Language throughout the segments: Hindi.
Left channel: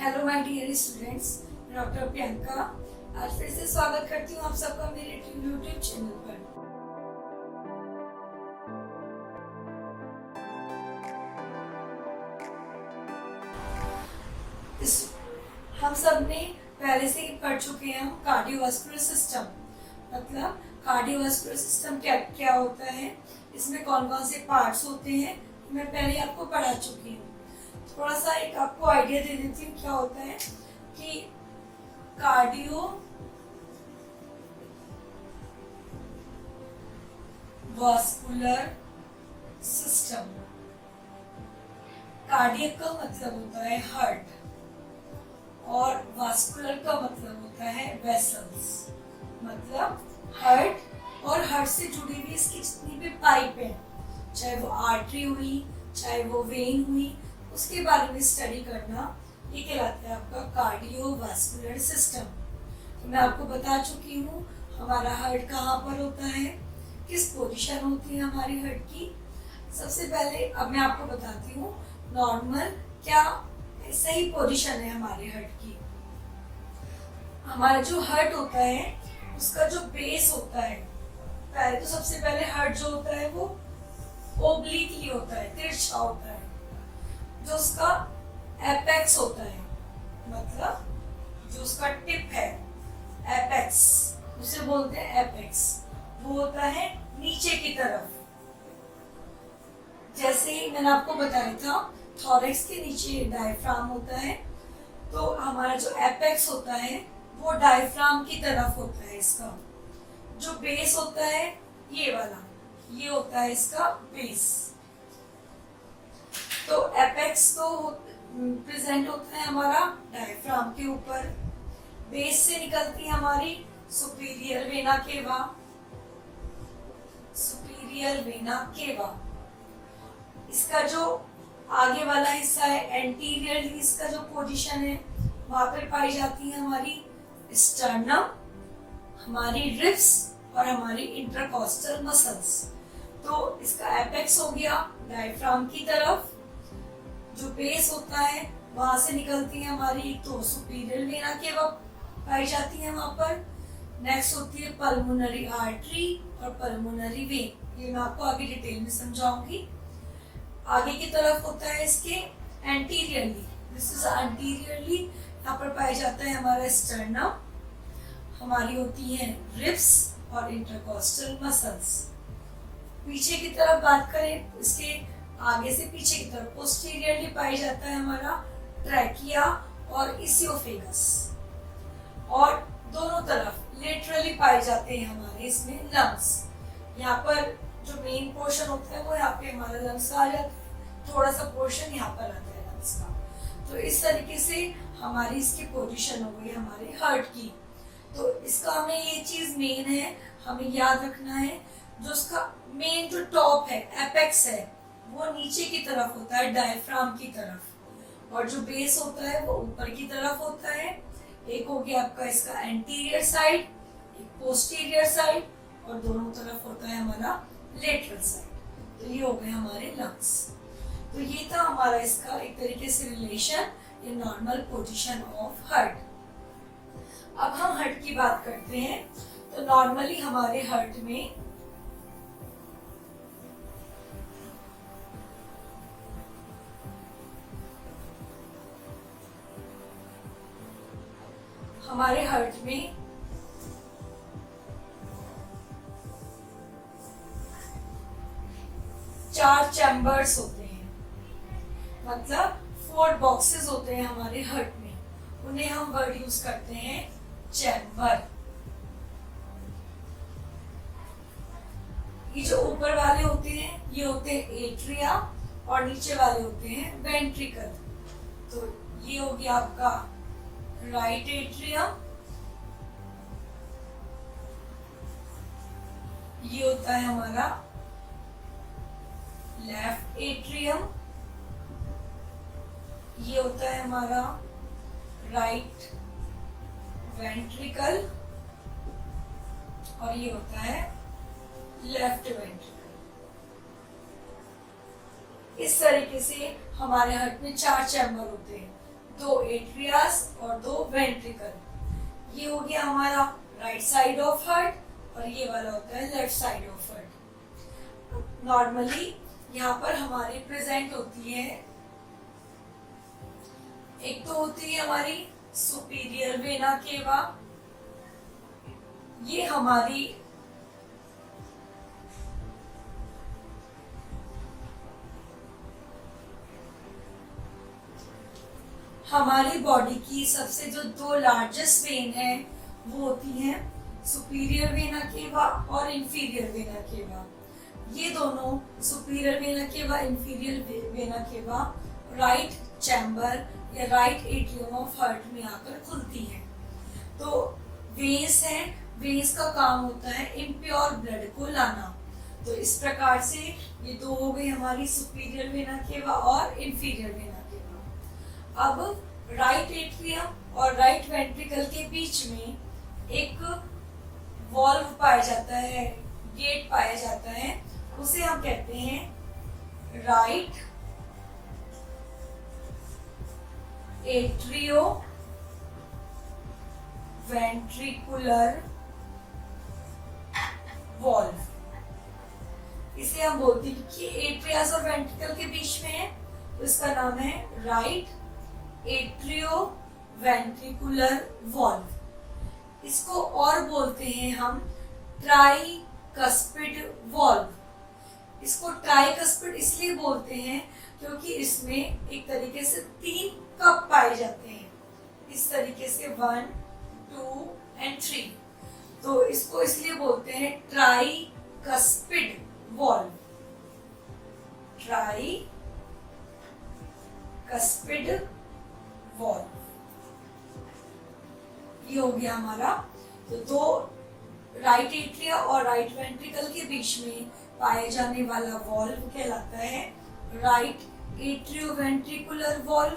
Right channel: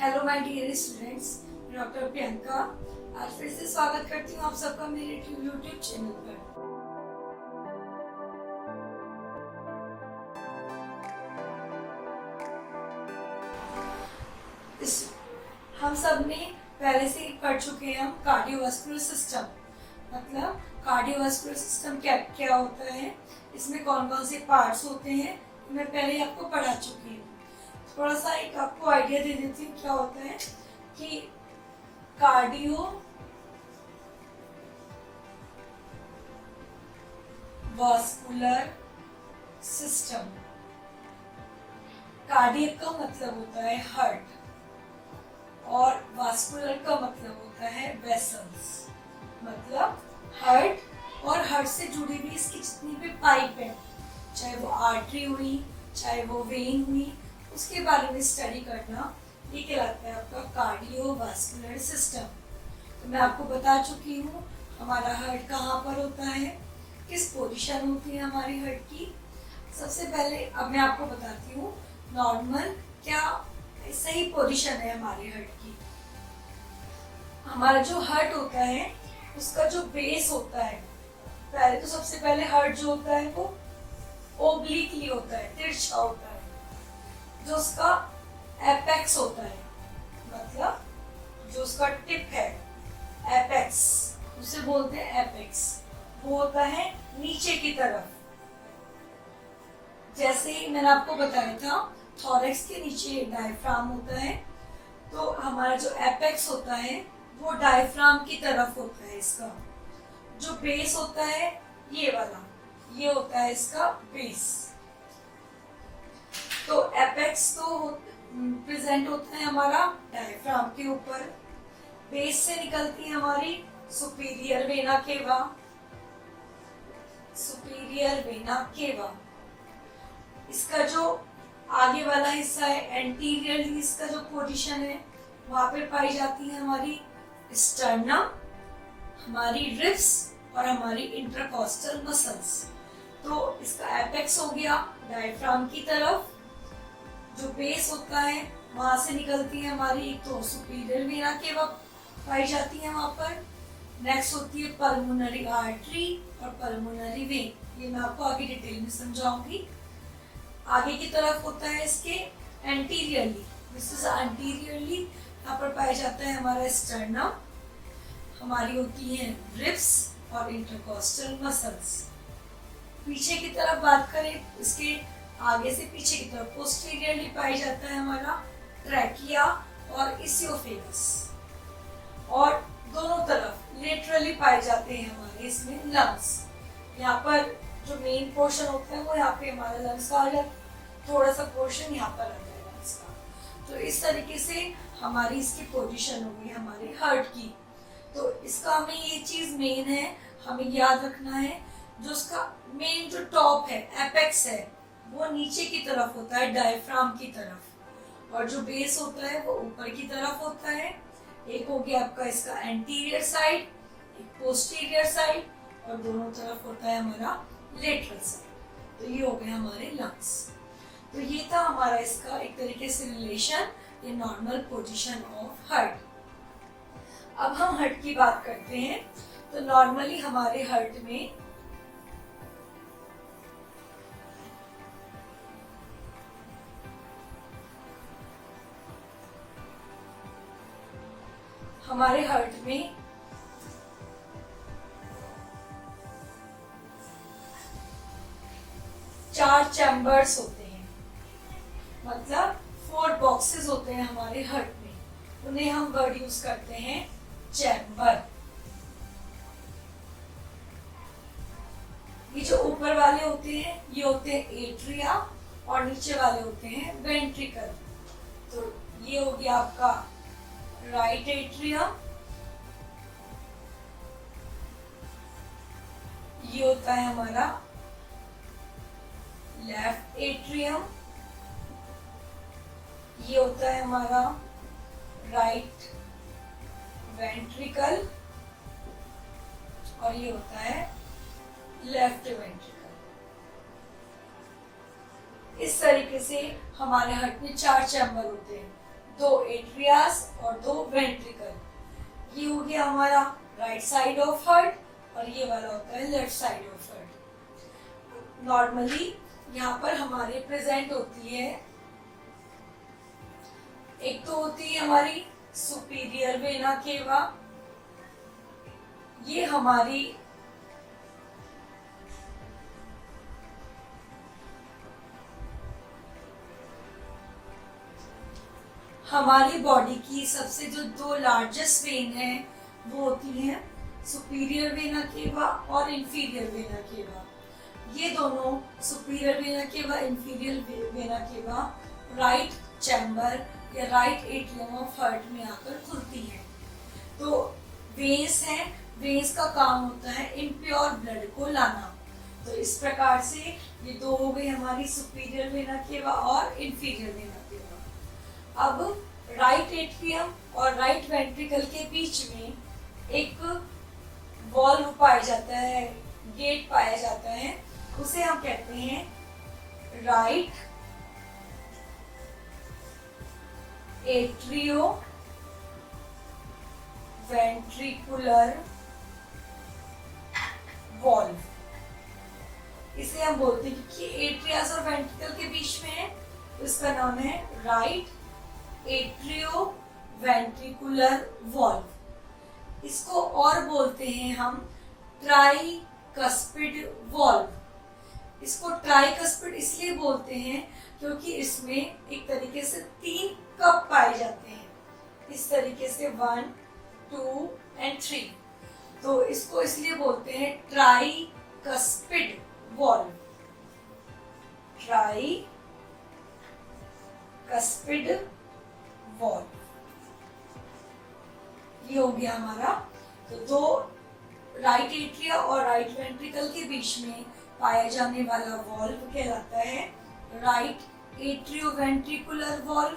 हेलो माय डियर स्टूडेंट्स, मैं डॉक्टर प्रियंका आज फिर से स्वागत करती हूँ आप सबका मेरे यूट्यूब चैनल पर। हम सब ने पहले से ही पढ़ चुके हैं हम कार्डियोवास्कुलर सिस्टम, मतलब कार्डियोवास्कुलर सिस्टम क्या क्या होता है, इसमें कौन कौन से पार्ट्स होते हैं, मैं पहले आपको पढ़ा चुकी हूँ। थोड़ा सा एक आपको आइडिया दे देती हूँ क्या होता है कि कार्डियो वास्कुलर सिस्टम, कार्डियक का मतलब होता है हार्ट और वास्कुलर का मतलब होता है वेसल्स, मतलब हार्ट और हार्ट से जुड़ी हुई इसकी जितनी भी पाइप है, चाहे वो आर्टरी हुई चाहे वो वेन हुई, उसके बारे में स्टडी करना, ये कहलाता है आपका कार्डियोवास्कुलर सिस्टम। तो मैं आपको बता चुकी हूँ हमारा हार्ट कहाँ पर होता है, किस पोजीशन होती है हमारी हार्ट की। सबसे पहले अब मैं आपको बताती हूँ नॉर्मल क्या सही पोजीशन है हमारे हार्ट की। हमारा जो हार्ट होता है उसका जो बेस होता है, पहले तो सबसे पहले हार्ट जो होता है वो ओब्लिकली होता है, तिरछा होता है। जो उसका एपेक्स होता है, मतलब जो उसका टिप है एपेक्स, उसे बोलते हैं एपेक्स, वो होता है नीचे की तरफ। जैसे ही मैंने आपको बताया था थॉरैक्स के नीचे डायफ्राम होता है, तो हमारा जो एपेक्स होता है वो डायफ्राम की तरफ होता है। इसका जो बेस होता है ये वाला, ये होता है इसका बेस। तो एपेक्स तो प्रेजेंट होता है हमारा डायफ्राम के ऊपर, बेस से निकलती है हमारी superior vena cava, superior vena cava. इसका जो आगे वाला हिस्सा है एंटीरियरली, इसका जो पोजीशन है वहां पर पाई जाती है हमारी स्टर्नम, हमारी रिब्स और हमारी इंटरकॉस्टल मसल्स। तो इसका एपेक्स हो गया डायफ्राम की तरफ, जो बेस होता है वहां से निकलती है हमारी एक तो सुपीरियर वेना केवा पाई जाती है वहां पर। नेक्स्ट होती है पल्मोनरी आर्टरी और पल्मोनरी वेन, ये मैं आपको आगे डिटेल में समझाऊंगी। आगे की तरफ होता है इसके एंटीरियरली, दिस इज एंटीरियरली, यहाँ पर पाया जाता है हमारा स्टर्नम, हमारी होती है रिब्स और इंटरकॉस्टल मसल्स। पीछे की तरफ बात करें, इसके आगे से पीछे की तरफ पोस्टीरियरली पाई जाता है हमारा ट्रैकिया और इसियोफेगस, और दोनों तरफ लेटरली पाए जाते हैं हमारे इसमें लंग्स। यहाँ पर जो मेन पोर्शन होता है वो यहाँ पे हमारा लंग्स का आ जाता है, थोड़ा सा पोर्शन यहाँ पर आ जाएगा लंग्स का। तो इस तरीके से हमारी इसकी पोजीशन हो गई हमारे हार्ट की। तो इसका हमें ये चीज मेन है, हमें याद रखना है, जो उसका मेन जो टॉप है एपेक्स है वो नीचे की तरफ होता है डायफ्राम की तरफ, और जो बेस होता है वो ऊपर की तरफ होता है। एक हो गया आपका इसका एंटीरियर साइड, एक पोस्टीरियर साइड, और दोनों तरफ होता है हमारा लेटरल साइड। तो ये हो गया हमारे लंग्स। तो ये था हमारा इसका एक तरीके से रिलेशन, ये नॉर्मल पोजीशन ऑफ हार्ट। अब हम हार्ट की बात करते हैं। तो नॉर्मली हमारे हार्ट में चार चैम्बर्स होते हैं, मतलब 4 बॉक्सेस होते हैं हमारे हार्ट में, उन्हें हम वर्ड यूज करते हैं चैम्बर। ये जो ऊपर वाले होते हैं ये होते हैं एट्रिया और नीचे वाले होते हैं वेंट्रिकल। तो ये हो गया आपका राइट एट्रियम, ये होता है हमारा लेफ्ट एट्रियम, ये होता है हमारा राइट वेंट्रिकल, और ये होता है लेफ्ट वेंट्रिकल। इस तरीके से हमारे हार्ट में 4 चैम्बर होते हैं। दो एट्रियास और दो वेंट्रिकल। ये हो गया हमारा राइट साइड ऑफ हार्ट और ये वाला होता है left side of heart. Normally यहाँ पर हमारे प्रेजेंट होती है, एक तो होती है हमारी सुपीरियर वेना केवा, ये हमारी बॉडी की सबसे जो दो लार्जेस्ट वेन है वो होती है सुपीरियर वेना केवा और इंफीरियर वेना केवा। ये दोनों superior vena cava, inferior vena cava right chamber या राइट एट्रियम ऑफ हार्ट में आकर खुलती है। तो वेन्स है, वेन्स का काम होता है इम्प्योर ब्लड को लाना। तो इस प्रकार से ये दो हो गई हमारी सुपीरियर वेना केवा और इंफीरियर वेना केवा। अब राइट एट्रियम और राइट वेंट्रिकल के बीच में एक वॉल्व पाया जाता है, गेट पाया जाता है, उसे हम कहते हैं राइट एट्रियो वेंट्रिकुलर वॉल्व। इसे हम बोलते हैं कि एट्रियास और वेंट्रिकल के बीच में है, तो इसका नाम है राइट एट्रियो वेंट्रिकुलर वॉल्व। इसको और बोलते हैं हम ट्राइकस्पिड वॉल्व। इसको ट्राइकस्पिड इसलिए बोलते हैं क्योंकि इसमें एक तरीके से 3 कप पाए जाते हैं, इस तरीके से 1, 2 and 3। तो इसको इसलिए बोलते हैं ट्राइकस्पिड वॉल्व, ट्राइकस्पिड वॉल्व। ये हो गया हमारा। तो दो राइट एट्रिया और राइट वेंट्रिकल के बीच में पाए जाने वाला वॉल्व कहलाता है राइट एट्रियो वेंट्रिकुलर वॉल्व,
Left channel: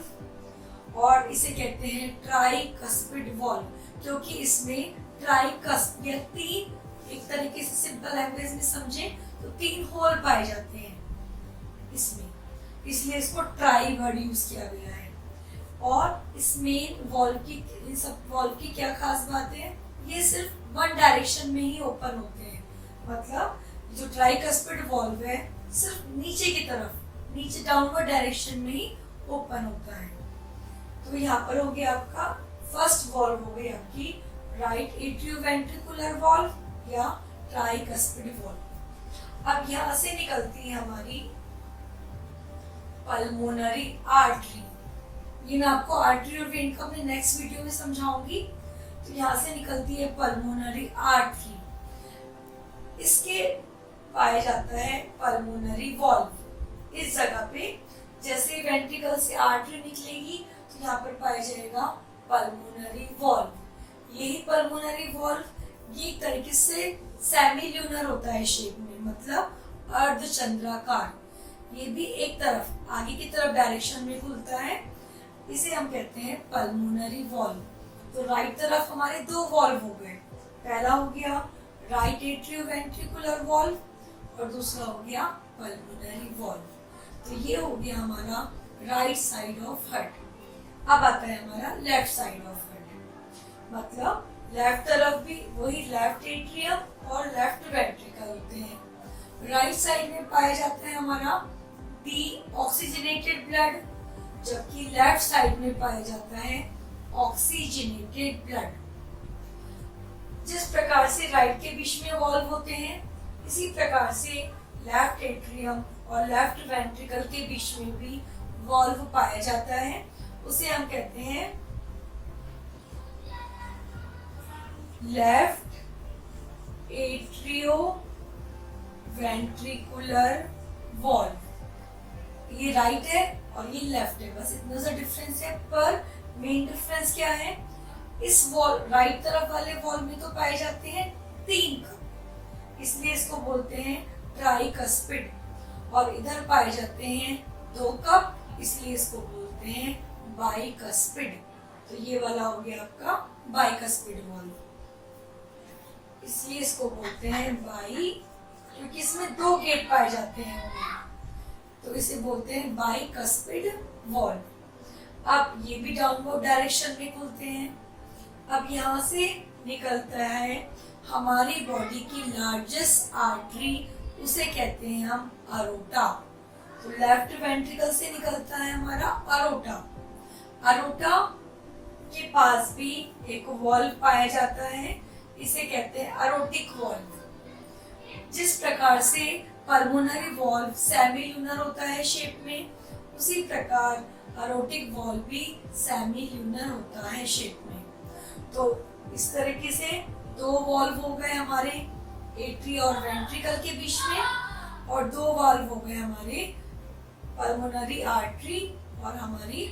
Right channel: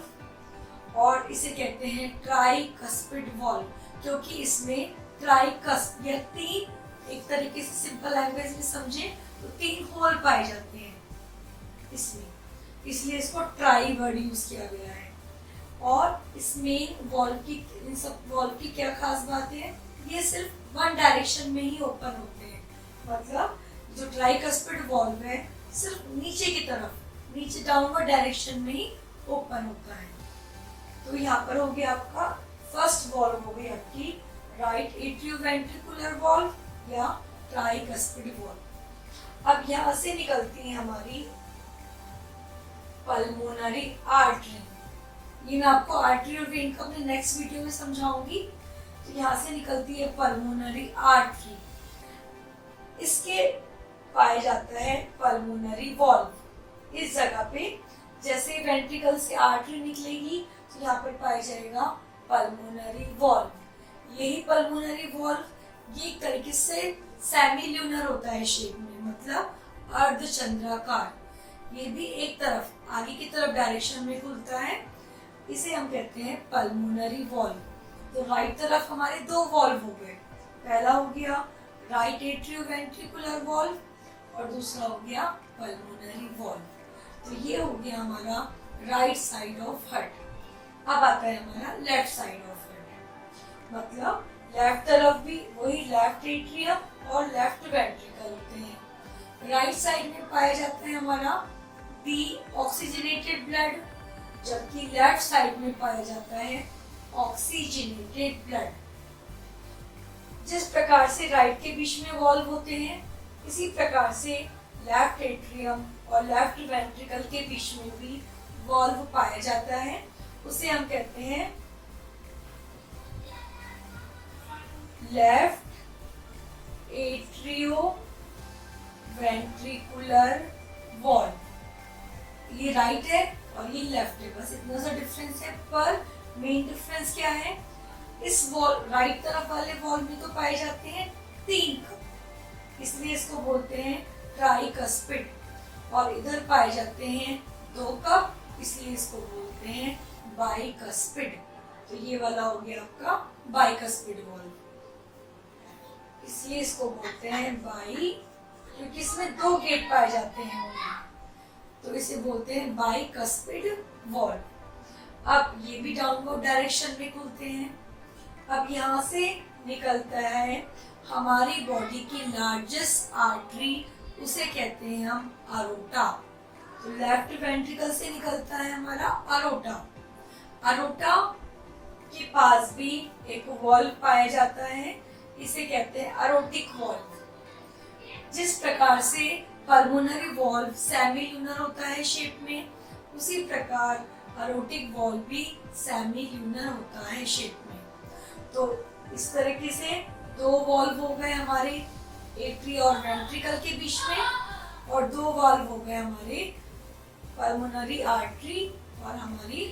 और इसे कहते हैं ट्राइकस्पिड वॉल्व क्योंकि इसमें ट्राइकस्प या 3, एक तरीके से सिंपल लैंग्वेज में समझे तो 3 होल पाए जाते हैं इसमें, इसलिए इसको ट्राई वर्ड यूज किया गया है। और इस मेन वॉल्व की, इन सब वॉल्व की क्या खास बात है, ये सिर्फ 1 डायरेक्शन में ही ओपन होते हैं। मतलब जो ट्राइकस्पिड वॉल्व है सिर्फ नीचे की तरफ, नीचे डाउनवर्ड डायरेक्शन में ही ओपन होता है। तो यहाँ पर हो गया आपका फर्स्ट वॉल्व हो गई आपकी राइट एट्रियो वेंट्रिकुलर वॉल्व या ट्राइकस्पिड वॉल्व। अब यहाँ से निकलती है हमारी पल्मोनरी आर्टरी। ये मैं आपको आर्टरी और वेन का अपने नेक्स्ट वीडियो में समझाऊंगी। तो यहाँ से निकलती है पल्मोनरी आर्टरी, इसके पाया जाता है पल्मोनरी वॉल्व। इस जगह पे जैसे वेंट्रिकल से आर्टरी निकलेगी तो यहाँ पर पाया जाएगा पल्मोनरी वॉल्व। यही पल्मोनरी वॉल्व ये एक तरीके से सेमी ल्यूनर होता है शेप में, मतलब अर्धचंद्राकार। ये भी एक तरफ आगे की तरफ डायरेक्शन में खुलता है, इसे हम कहते हैं पल्मोनरी वॉल्व। तो राइट तरफ हमारे 2 वॉल्व हो गए, पहला हो गया राइट एट्रियो वेंट्रिकुलर वॉल्व और दूसरा हो गया पल्मोनरी वॉल्व। तो ये हो गया हमारा राइट साइड ऑफ हार्ट। अब आता है हमारा लेफ्ट साइड ऑफ हार्ट, मतलब लेफ्ट तरफ भी वही लेफ्ट एट्रियम और लेफ्ट वेंट्रिकल होते हैं। राइट साइड में पाया जाता है हमारा डी ऑक्सीजनेटेड ब्लड, जबकि लेफ्ट साइड में पाया जाता है ऑक्सीजनेटेड ब्लड। जिस प्रकार से राइट के बीच में वॉल्व होते हैं, इसी प्रकार से लेफ्ट एट्रियम और लेफ्ट वेंट्रिकल के बीच में भी वॉल्व पाया जाता है, उसे हम कहते हैं लेफ्ट एट्रियो वेंट्रिकुलर वॉल्व। ये राइट है और ये लेफ्ट है, बस इतना सा डिफरेंस है। पर मेन डिफरेंस क्या है, इस वॉल राइट तरफ वाले वॉल्व में तो पाए जाते हैं 3 कप, इसलिए इसको बोलते हैं ट्राइकस्पिड, और इधर पाए जाते हैं 2 कप, इसलिए इसको बोलते हैं बाइकस्पिड। तो ये वाला हो गया आपका बाइकस्पिड वॉल्व, इसलिए इसको बोलते हैं बाई, क्योंकि इसमें 2 गेट पाए जाते हैं, तो इसे बोलते हैं बाइकस्पिड वॉल्व। अब ये भी डाउनवर्ड डायरेक्शन में खुलते हैं। अब यहाँ से निकलता है हमारी बॉडी की लार्जेस्ट आर्टरी, उसे कहते हैं हम अरोटा। तो लेफ्ट वेंट्रिकल से निकलता है हमारा अरोटा। अरोटा के पास भी एक वॉल्व पाया जाता है, इसे कहते हैं अरोटिक वॉल्व। जिस प्रकार से पल्मोनरी वॉल्व सेमी-ल्यूनर होता है शेप में, उसी प्रकार अरोटिक वॉल्व भी सेमी-ल्यूनर होता है शेप में। तो इस तरीके से दो वॉल्व हो गए हमारे एट्री और वेंट्रिकल के बीच में, और दो वॉल्व हो गए हमारे पल्मोनरी आर्टरी और हमारी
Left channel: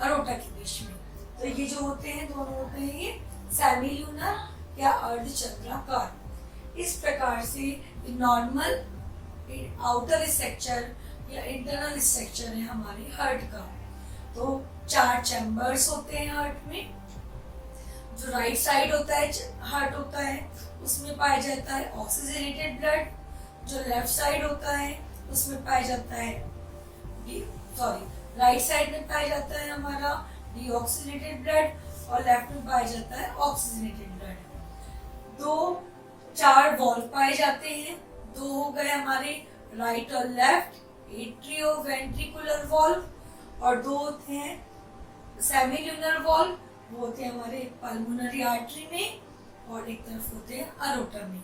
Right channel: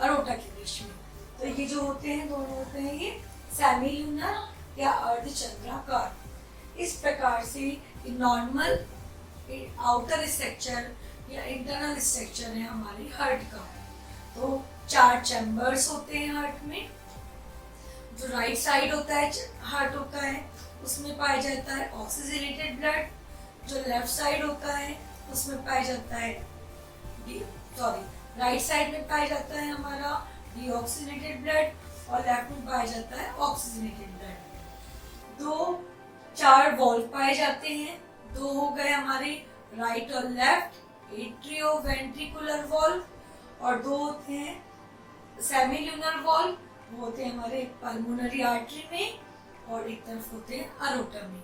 अरोटा के बीच में। तो ये जो होते हैं दोनों होते हैं ये सेमी-ल्यूनर या अर्धचंद्राकार। इस प्रकार से नॉर्मल आउटर स्ट्रक्चर या इंटरनल स्ट्रक्चर है हमारे हार्ट का। तो 4 चैम्बर्स होते हैं हार्ट में। जो राइट साइड होता है हार्ट होता है, उसमें पाया जाता है ऑक्सीजनेटेड ब्लड। जो लेफ्ट साइड होता है उसमें पाया जाता है राइट साइड में पाया जाता है हमारा डीऑक्सीजनेटेड ब्लड और लेफ्ट में पाया जाता है ऑक्सीजनेटेड ब्लड। 4 वॉल्व पाए जाते हैं। 2 हो गए हमारे राइट और लेफ्ट एट्रियो वेंट्रिकुलर वॉल्व, और 2 होते हैं सेमी-ल्यूनर वॉल्व, वो होते हैं हमारे पल्मोनरी आर्टरी में और एक तरफ होते हैं अरोटा में।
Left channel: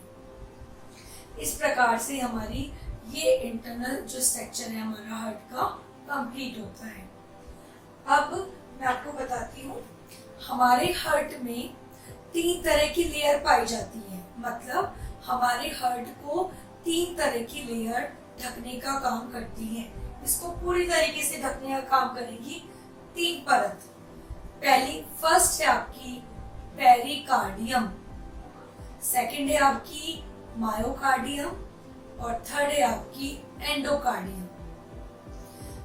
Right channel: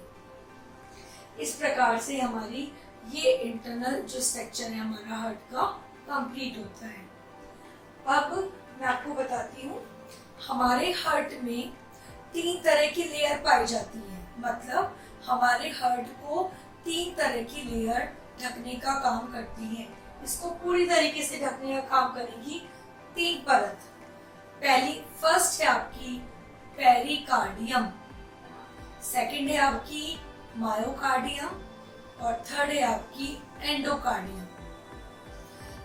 इस प्रकार से हमारी ये इंटरनल जो स्ट्रक्चर है हमारा हार्ट का कंप्लीट होता है। अब मैं आपको बताती हूँ, हमारे हार्ट में 3 तरह की लेयर पाई जाती है। मतलब हमारे हार्ट को 3 तरह की लेयर ढकने का काम करती है। इसको पूरी तरीके से ढकने का काम करेगी 3 परत। फर्स्ट है आपकी पेरिकार्डियम, सेकंड है आपकी मायोकार्डियम और थर्ड है आपकी एंडोकार्डियम।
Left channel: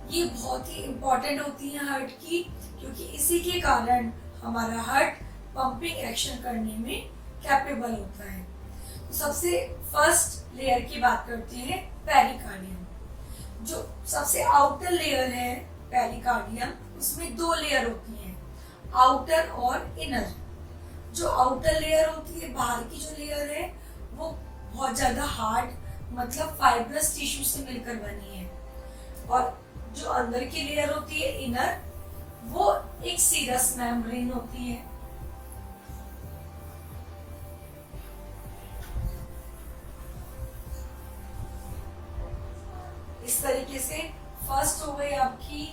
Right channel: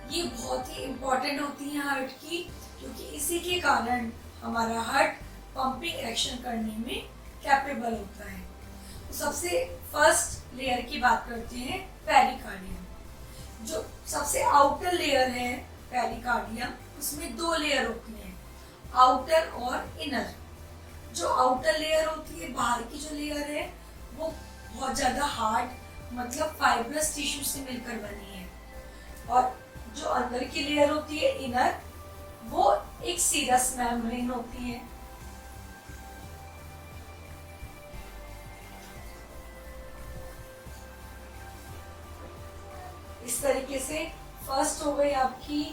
ये बहुत ही इंपॉर्टेंट होती है हार्ट की, क्योंकि इसी के कारण हमारा हार्ट पंपिंग एक्शन करने में कैपेबल होता है। तो सबसे फर्स्ट लेयर की बात करते हैं पेरिकार्डियम। जो सबसे आउटर लेयर है पेरिकार्डियम, उसमें 2 लेयर होती हैं, आउटर और इनर। जो आउटर लेयर होती है, बाहर की जो लेयर है, वो बहुत ज्यादा हार्ड मतलब फाइब्रस टिश्यू से मिलकर बनी है, और जो अंदर की लेयर होती है इनर, वो एक सीरस मेम्ब्रेन होती है। इस तरीके से फर्स्ट हो गई आपकी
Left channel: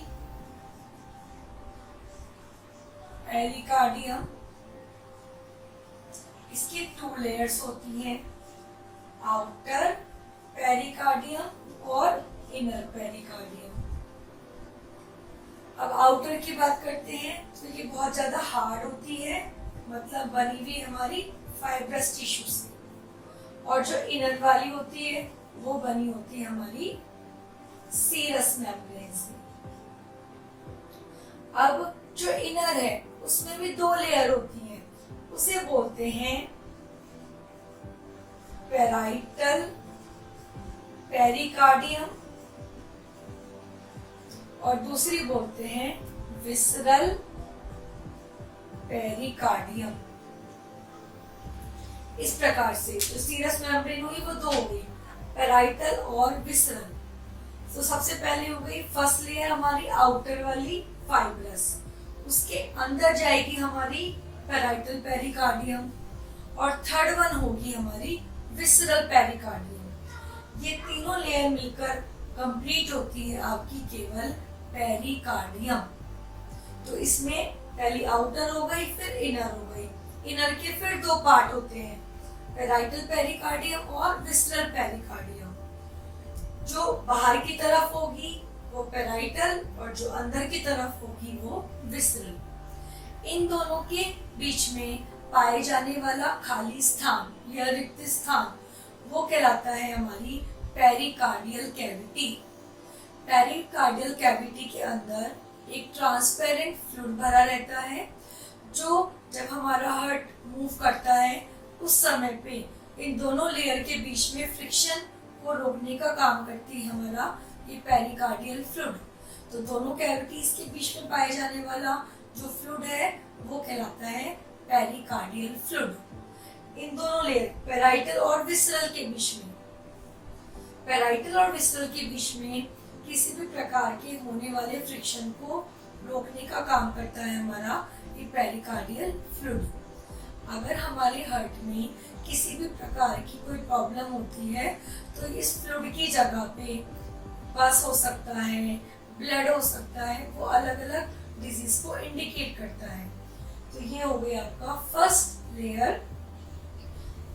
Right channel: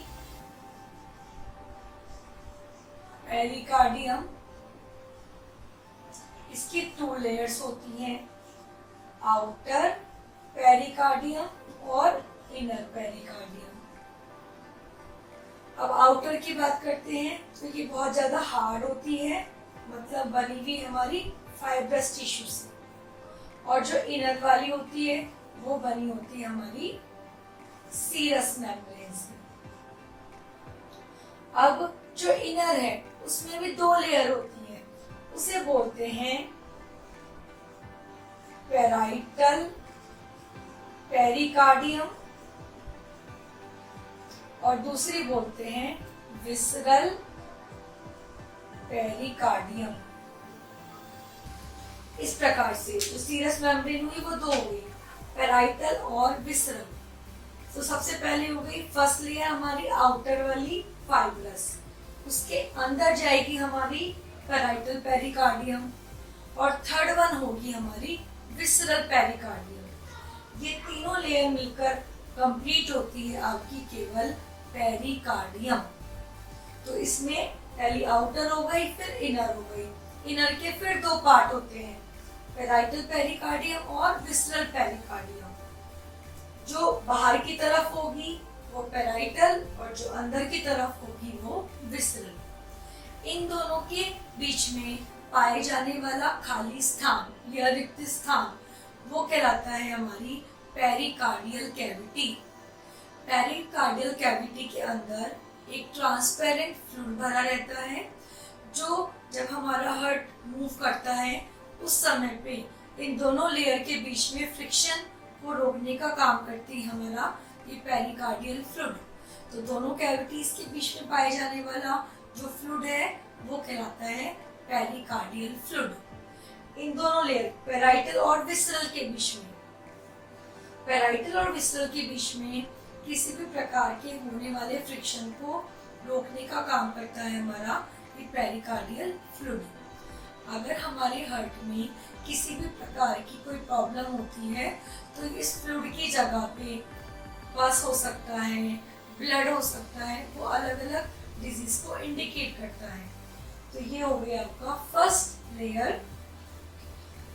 पेरिकार्डियम। इसकी 2 लेयर्स होती हैं, आउटर पेरिकार्डियम और इनर पेरिकार्डियम। अब आउटर की बात करते हैं तो ये बहुत ज्यादा हार्ड होती है, मतलब बनी हुई हमारी फाइब्रस टिश्यू से, और जो इनर वाली होती है वो बनी होती है हमारी सीरस मेम्ब्रेन से। अब जो इनर है उसमें भी 2 लेयर होती है, उसे बोलते हैं पेराइटल पेरिकार्डियम और दूसरी बोलते हैं विसरल पेरिकार्डियम। इस प्रकार से जो सीरस मेम्ब्रेन हुई वो 2 हो गई, पेराइटल और विसरल। तो सबसे पहले हो गई फर्स्ट लेयर हमारी आउटर वाली फाइब्रस, उसके अंदर जाएगी हमारी पेराइटल पेरिकार्डियम, और थर्ड वन होगी हमारी विसरल पेरिकार्डियम। ये तीनों लेयर मिलकर कंप्लीट होती है आपकी केवल पेरिकार्डियम। तो इसमें पहली आउटर हो गई, फिर इनर हो गई। इनर के फिर 2 पार्ट होते हैं, पेराइटल पेरिकार्डियम और विसरल पेरिकार्डियम। जो बाहर की तरफ होगी वो पेराइटल और जो अंदर की तरफ होगी वो विसरल। इन दोनों के बीच में पाए जाने वाला खाली स्थान या रिक्त स्थान वो कहलाता है हमारी पेरिकार्डियल कैविटी। पेरिकार्डियल कैविटी के अंदर एक ट्रांसपेरेंट फ्लूइड भरा रहता है, जो जब हमारा हार्ट मूव करता है उस समय पे इन दोनों लेयर के बीच में फ्रिक्शन को रोकने का काम करती है हमारा ये पेरिकार्डियल फ्लूइड। तो दोनों कैविटीज के बीच में पाए जाने वाला जो फ्लूइड है वो कहलाता है पेरिकार्डियल फ्लूइड। इन दोनों लेयर पेराइटल और विसरल के बीच में, पेराइटल और विसरल के बीच में किसी भी प्रकार के होने वाले फ्रिक्शन को रोकने का काम करता है हमारा ये पेरिकार्डियल फ्लूइड। अगर हमारे हार्ट में किसी भी प्रकार की कोई प्रॉब्लम होती है तो इस फ्लूइड की जगह पे पस हो सकता है, ब्लड हो सकता है, वो अलग अलग डिजीज को इंडिकेट करता है। तो ये हो गया आपका फर्स्ट लेयर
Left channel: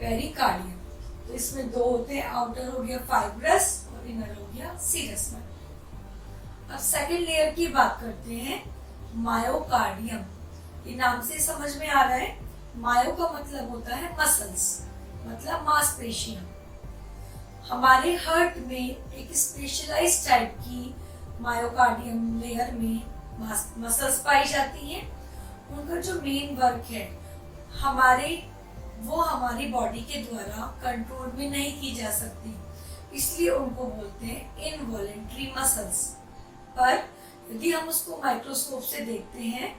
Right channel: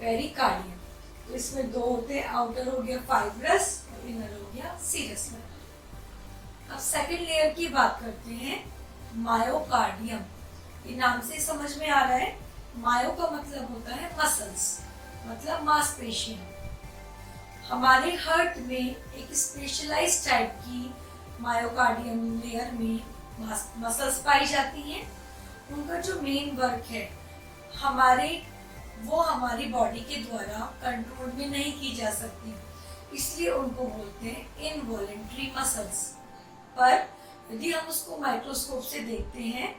पेरिकार्डियम। तो इसमें दो होते हैं, आउटर हो गया फाइब्रस और इनर हो गया सीरस। अब सेकंड लेयर की बात करते हैं, मायोकार्डियम। ये नाम से समझ में आ रहा है, मायो का मतलब होता है मसल्स, मतलब मांसपेशियां। हमारे हार्ट में एक स्पेशलाइज्ड टाइप की मायोकार्डियम लेयर में मसल्स पाई जाती हैं। उनका जो मेन वर्क है वो हमारी बॉडी के द्वारा कंट्रोल भी नहीं की जा सकती, इसलिए उनको बोलते हैं इनवॉलेंट्री मसल्स। पर यदि हम उसको माइक्रोस्कोप से देखते हैं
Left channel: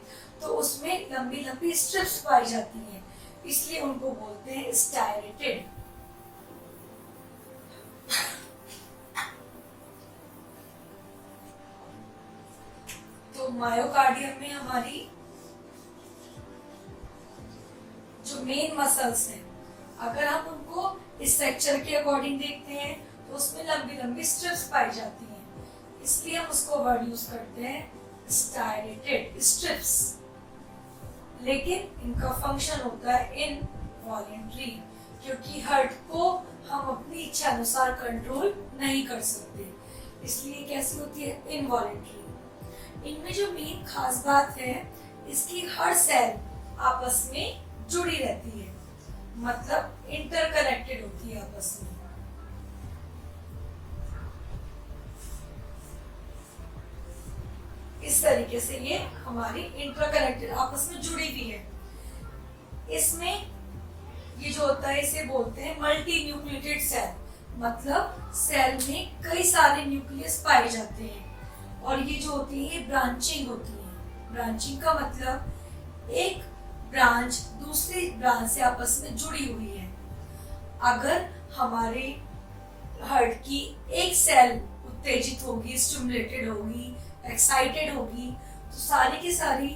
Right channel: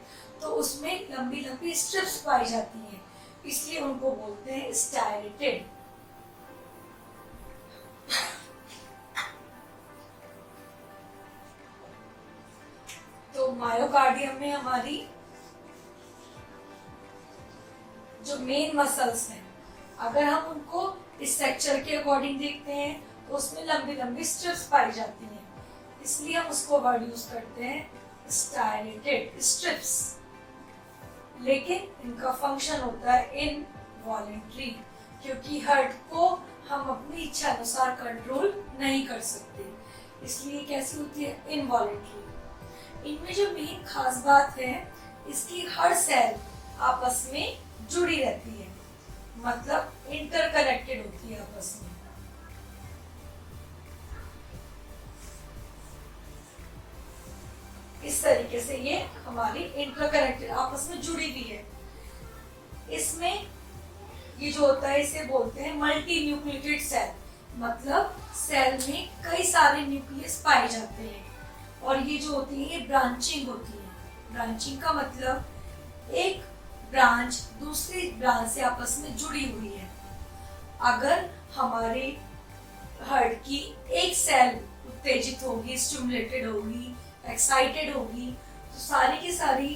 तो उसमें लंबी लंबी स्ट्रिप्स पाई जाती हैं, इसलिए उनको बोलते हैं स्टाइलेटेड। तो मायोकार्डियम में हमारी जो मेन मसल्स हैं, अगर हम उनको इस स्ट्रक्चर के अकॉर्डिंग देखते हैं तो उसमें लंबी लंबी स्ट्रिप्स पाई जाती हैं, इसलिए हम उसको वर्ड यूज करते हैं स्टाइलेटेड स्ट्रिप्स। लेकिन इनका फंक्शन होता है इनवॉलेंट्री, क्योंकि हार्ट को हम अपनी इच्छा अनुसार कंट्रोल नहीं कर सकते, इसलिए कैसी होती है इनवॉलेंट्री। इनमें जो मेन खास बात है, इसकी हर सेल आपस में जुड़ी रहती है, मतलब इंटरकनेक्टेड होती है आपस में। इस तरीके से ये हमारी इंटरकनेक्टेड आपस में जुड़ी हुई है। इसमें ये जो होता है इसे बोलते हैं मल्टी न्यूक्लिएटेड सेल, मतलब सेल में कई सारे न्यूक्लियस पाए जाते हैं, और ये जो होती है ये ब्रांचिंग होती है। ब्रांचिंग का मतलब एक ब्रांच दूसरी ब्रांच से आपस में जुड़ी हुई है। अगर हमारे हार्ट की एक सेल उत्तेजित होगी, स्टिमुलेटेड होगी, एक्साइटेड होगी, तो सारी की सारी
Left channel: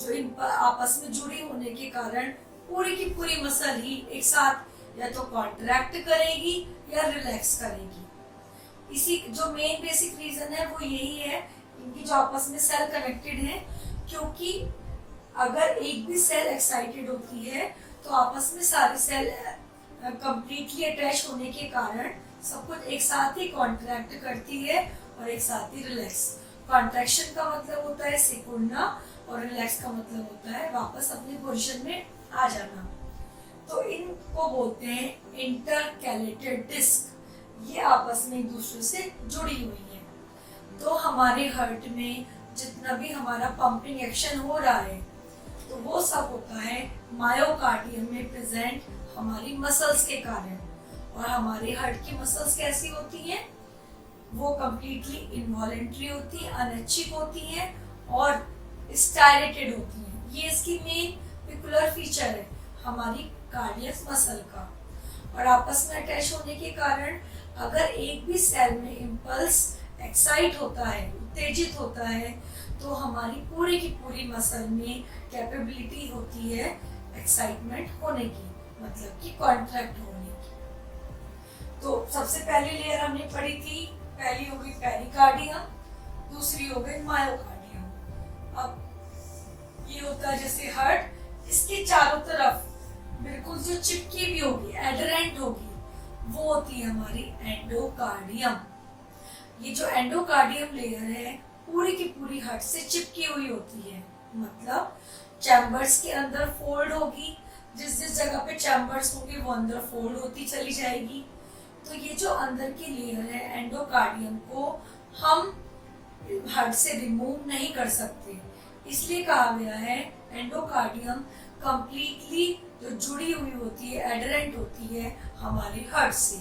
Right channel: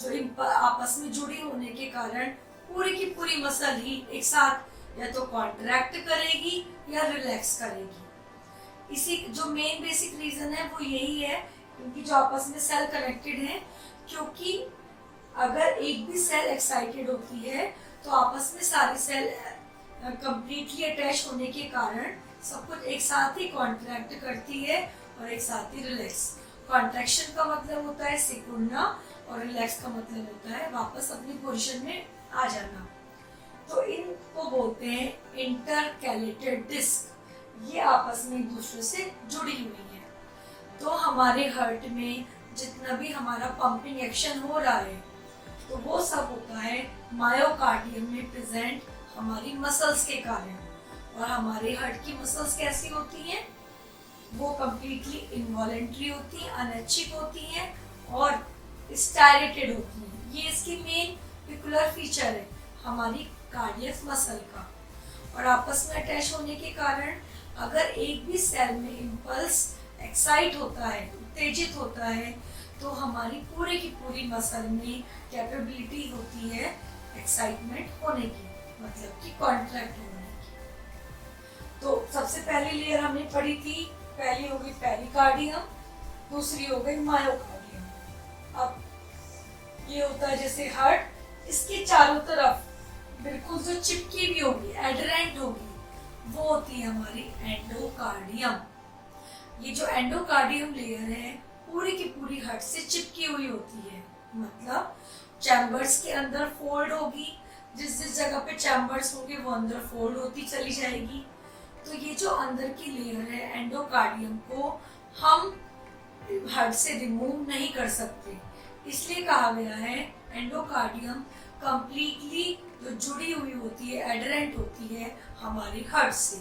जो आपस में जुड़ी होने के कारण पूरी की पूरी मसल ही एक साथ या तो कॉन्ट्रैक्ट करेगी या रिलैक्स करेगी। इसी जो मेन बेसिक रीजन है वो यही है, इनकी जो आपस में सेल कनेक्टेड है, क्योंकि अगर एक भी सेल एक्साइटेड होती है तो आपस में सारी सेल कंप्लीटली अटैच होने के कारण सब कुछ एक साथ ही कॉन्ट्रैक्ट करती है और एक साथ ही रिलैक्स। कॉन्ट्रैक्शन का मतलब होता है सिकुड़ना और रिलैक्स का मतलब होता है वापस अपनी पोजीशन में आ जाना। तो इनको बोलते हैं इंटरकैलेटेड डिस्क। ये आपस में एक दूसरे से जुड़ी हुई है। तो हमारे हार्ट में जितना भी हमारा पंपिंग एक्शन हो रहा है तो वो सब होता है मायोकार्डियम में प्रेजेंट हमारी मसल्स के कारण। और हमारे हार्ट की मसल्स कैसी होती हैं? वो कंप्लीटली इनवॉलेंट्री होती है, अनैच्छिक होती हैं और स्टाइलेटेड होती हैं। ये इसकी मेन पिकुलर फीचर है हमारी कार्डियक मसल का। और आपस में अटैच होने के कारण अगर एक भी सेल में इम्पल्स एक्साइट होता है, उत्तेजित होता है, तो हमारी पूरी की पूरी मसल में कैपेबिलिटी होती है एक्साइटमेंट होने की, मतलब कि कॉन्ट्रैक्ट होने की। तो सबसे पहली लेयर हमने पढ़ी थी, पहली हो गई पेरिकार्डियम, दूसरी हो गई मायोकार्डियम। अब ये होता है जैसे हार्ट, इसके चारों तरफ बिल्कुल जो चिपकी भी होगी, एडरेंट होगी, वो होती है हमारी एंडोकार्डियम। ये जो एंडोकार्डियम लेयर है पूरी की पूरी हार्ट से चिपकी हुई होती है, मतलब चैम्बर्स के अंदर फोल्ड होगी, जिस जिस जगह पे चैम्बर्स होंगे वो अंदर फोल्ड होती चली जाएगी। तो ये जो अंदर की लेयर है एंडोकार्डियम को हम हार्ट से रिमूव नहीं कर सकते, इसलिए कहा गया है एंडोकार्डियम कंप्लीटली जो जुड़ी हुई होती है, एडरेंट होती है हमारे हार्ट से।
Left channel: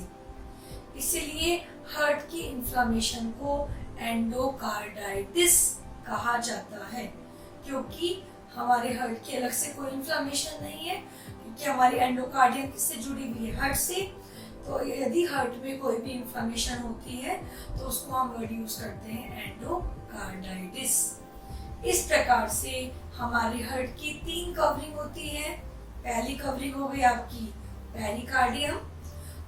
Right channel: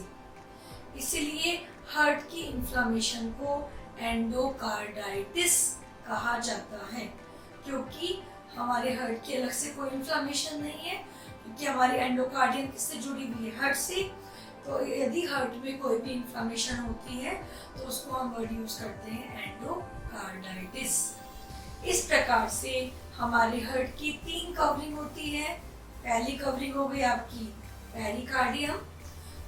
इसीलिए हार्ट की इन्फ्लामेशन को एंडोकार्डाइटिस कहा जाता है, क्योंकि हमारे हार्ट की अलग से कोई इन्फ्लामेशन नहीं है, क्योंकि हमारी एंडोकार्डियम किससे जुड़ी हुई है, हार्ट से। तो यदि हार्ट में कोई भी इन्फ्लामेशन होती है तो उसको हम वर्ड यूज करते हैं एंडोकार्डाइटिस। इस प्रकार से हमारे हार्ट की 3 कवरिंग होती है। पहली कवरिंग हो गई आपकी पेरिकार्डियम,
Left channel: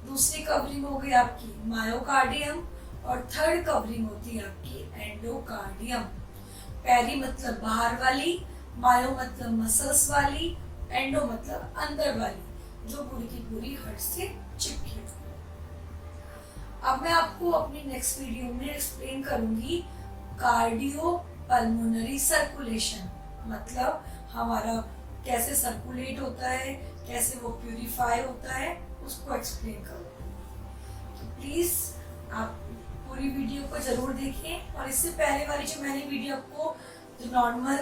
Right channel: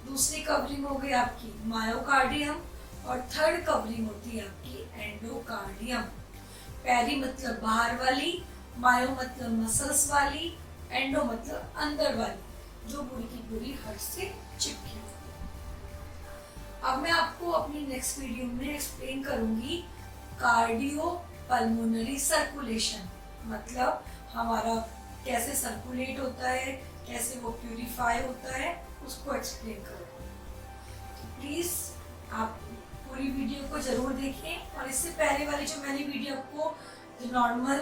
दूसरी कवरिंग हो गई आपकी मायोकार्डियम, और थर्ड कवरिंग होती है आपकी एंडोकार्डियम। पेरी मतलब बाहर वाली, मायो मतलब मसल्स वाली, एंडो मतलब अंदर वाली, जो पूरी की पूरी हार्ट से चिपकी हुई। अब मैं आपको अपनी नेक्स्ट वीडियो में एक्सप्लेन करूंगी कार्डियो पल्मोनरी सर्कुलेशन, मतलब हमारा कैसे सर्कुलेट होता है, कैसे वो प्यूरिफाई होता है, उसको एक्सप्लेन करूंगी। तो प्लीज आप पूरी वीडियो को जरूर देखें, और इससे पहले वाली जो मैंने वीडियो आपको जो नॉर्मल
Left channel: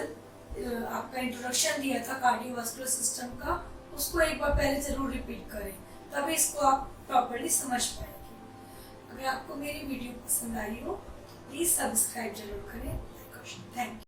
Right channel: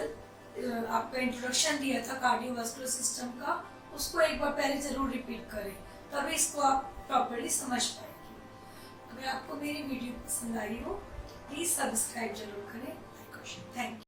आपका इंट्रोडक्शन दिया था कार्डियोवास्कुलर सिस्टम का, उसको एक बार पहले जरूर रिपीट करें, तभी इसको आप प्रॉपर्ली समझ पाएंगे। अगर आपको मेरी वीडियो पसंद आई हो तो प्लीज सब्सक्राइब जरूर करें। Thank you.